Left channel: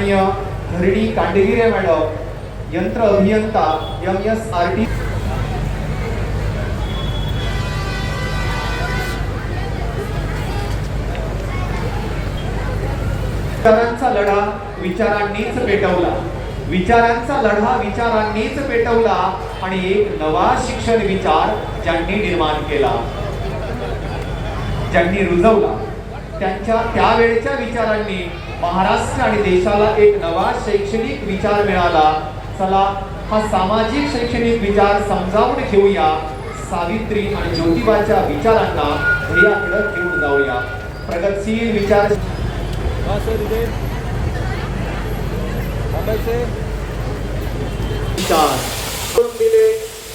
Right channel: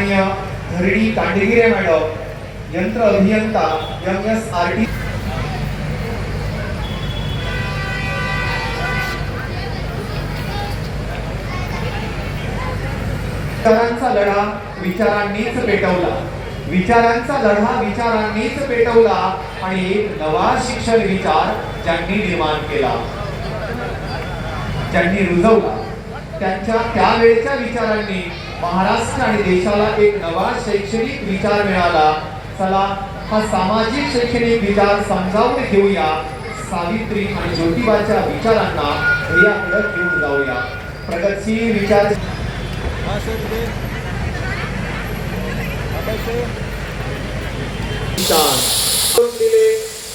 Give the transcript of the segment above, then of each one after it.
सन्माननीय धरणी कांडेगिरे मॅडम यंत्र अभियंता एम एस आर टी विचारांचा लढा विचारांनीच पेटवला. विचारांचा लढा विचारांनीच पेटवला आणि एक नवा शिक्षण विचार ज्यांनी निर्माण केला. ज्यांनी रुजवला. त्यांच्या त्यावेळच्या विचारांनी महाराष्ट्र आणि देशाला एक नवा शैक्षणिक विचार मिळाला. चला हा सामाजिक शैक्षणिक विचार समजावून घेऊया. सावित्री आणि ज्योतिबाच्या विचारांना ध्येयाकडे घेऊन जाऊया. प्रगतशील विचार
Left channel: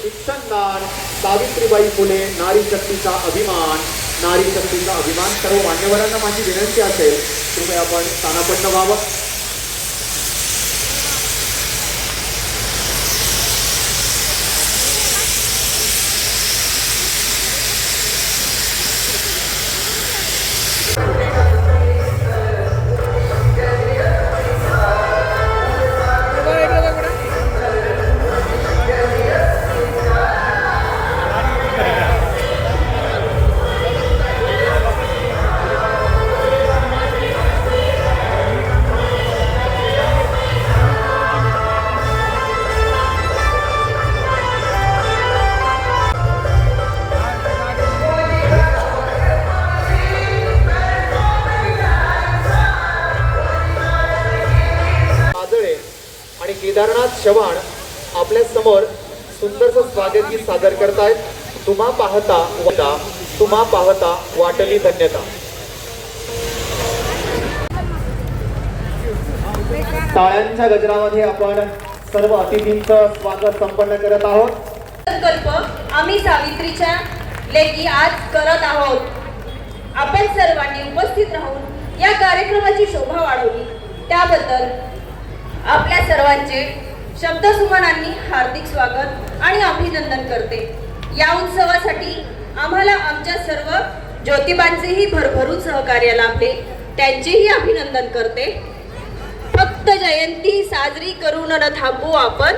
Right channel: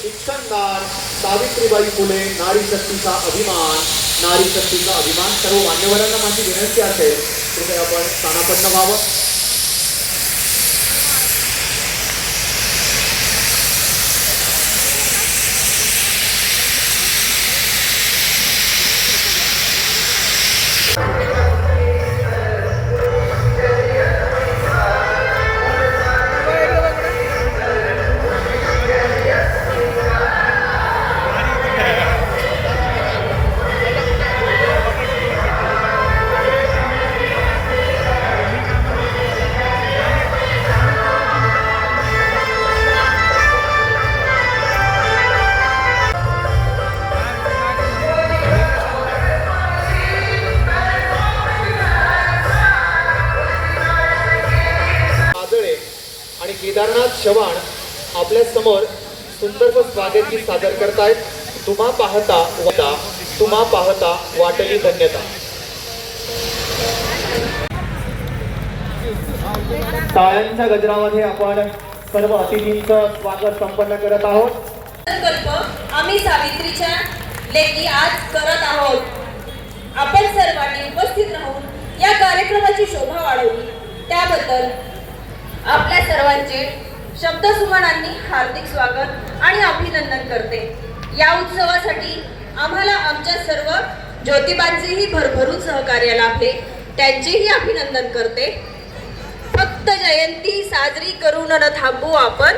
शिक्षणदार सावित्रीबाई फुले नारी शक्तीचा अभिमान. नारी शक्तीचा अभिमान सर्व मान्यवरांना माझी विनंती असेल. कृपया आपण स्थानापन्न व्हावं. चव्हाण आपल्यासमोर सुंदरसं स्वागत सादर करतायत. तुम्हा पाहता वता तुम्हा पाहता वाटली धन्यता. टाळ्यांच्या गजरामध्ये आपण सर्व अतिथींचं स्वागत संपन्न करत आहोत. संकल्प आम्ही सावित्रीच्या लेखी आज करत आहोत. आपण सर्वांनी उपस्थित राहून या कार्यक्रमाची शोभा वाढवली. त्याबद्दल आपल्या सर्वांचे शब्दसुमनांनी हार्दिक स्वागत आणि अभिनंदन करते. या उत्सवासाठी आम्हाला आमच्या सर्व ज्योतिबांचेही भरभरून सहकार्य लाभले. त्यांचेही अभिनंदन करते. फक्त जयंती साजरी करून न थांबू आपण.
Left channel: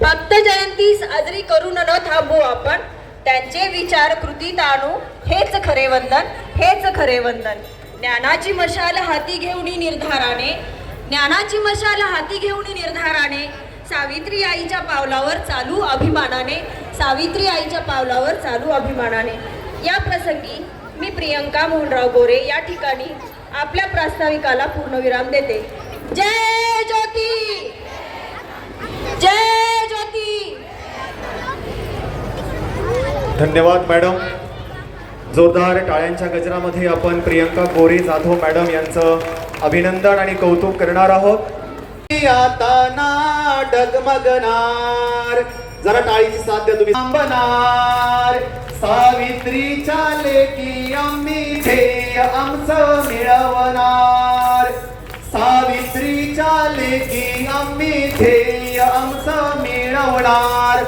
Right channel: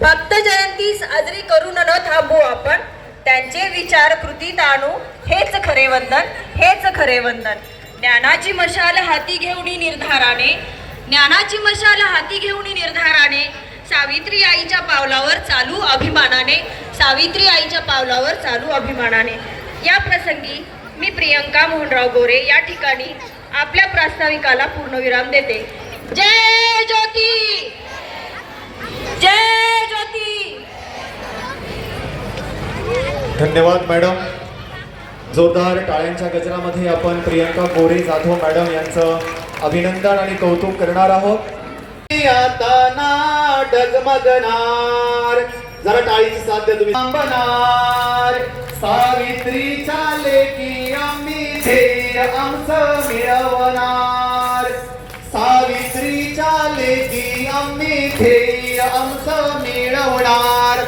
फक्त जयंती साजरी करून न थांबू आपण. त्यांचे विचार कृतीत आणू हेच खरे वंदन हेच खरे वंदन. ज्ञानाची मशाल हाती घेऊन निर्धाराने. ज्ञानाची मशाल हाती घेऊन निर्धाराने. सावित्री आईच्या पावलावर चालू अभिमानाने सावित्री आईच्या पावलावर चालू अभिमानाने. या प्रसंगी मी प्रियंका मोहनराव गोरे या ठिकाणी आपल्या प्रास्ताविकाला पूर्णविराम देते. जय ज्योती! जय ज्योती! धन्यवाद मॅडम. जोरदार टाळ्यांच्या गजरामध्ये आपण प्रियंका गोरे जाधव मॅडम यांचं अभिनंदन आणि कौतुक करणार आहोत. आता जरा टाळीची साथ द्या तुम्ही. थांबणार सावित्रीच्या लेकी आम्ही ध्येय आमचं मिळवणार. सावित्रीच्या लेकी आम्ही ध्येय आमचं मिळवणार.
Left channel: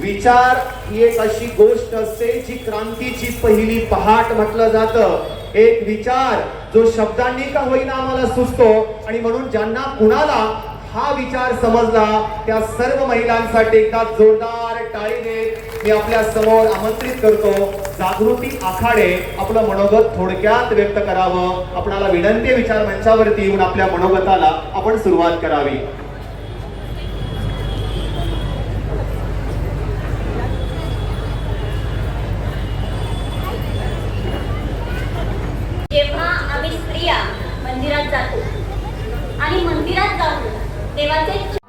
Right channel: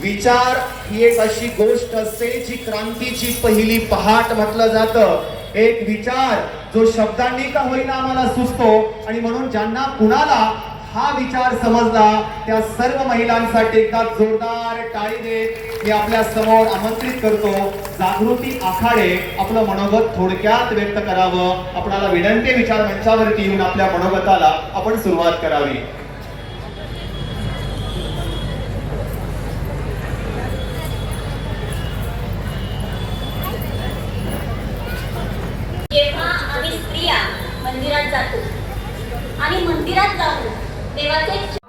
विचार ही एक अशी गोष्ट असते जी क्रांतीची पहिली पहाट म्हटलं जातं. एक विचार जो शब्दांनी का होईना आम्हाला सुचतो आणि म्हणून ज्यांना कुणाला हा विचार समजला त्या सर्व महिलांसाठी एका जोरदार टाळी देत मी आपल्यासमोर आमंत्रित करतो. जागृती आखाडे आपलं मनोगत थोडक्यात व्यक्त करावं. आपणाला विनंती विचार मंचावरती येऊन आपल्या मनोगताला आपण सुरुवात करावी.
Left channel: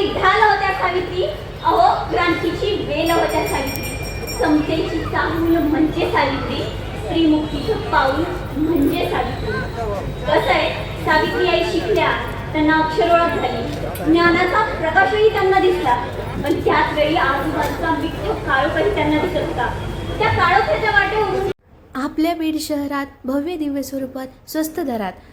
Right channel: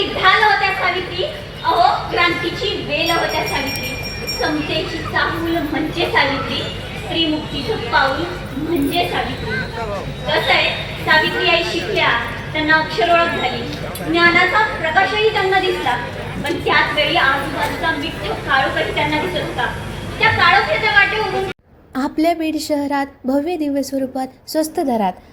क्रांतीची ढाल होत्या सावित्री. अहो क्रांतीची वेल होत्या सावित्री. समतेची चाहूल म्हणजे सावित्री. स्त्री मुक्तीचं पाऊल म्हणजे सावित्री. कसं आहे? सावित्री आई शिकल्या त्यांना अक्षर ओळख झाली. ज्ञानाचा प्रकाशही त्यांना दिसला. पण त्याच वेळी आजूबाजूचा मिठ्ठ काळोखही त्यांना दिसत होता. त्या काळोख्याच्या वाटेवरून आपल्या बीड शहरात भव्य दिव्य स्वरूपात स्वस्त दरात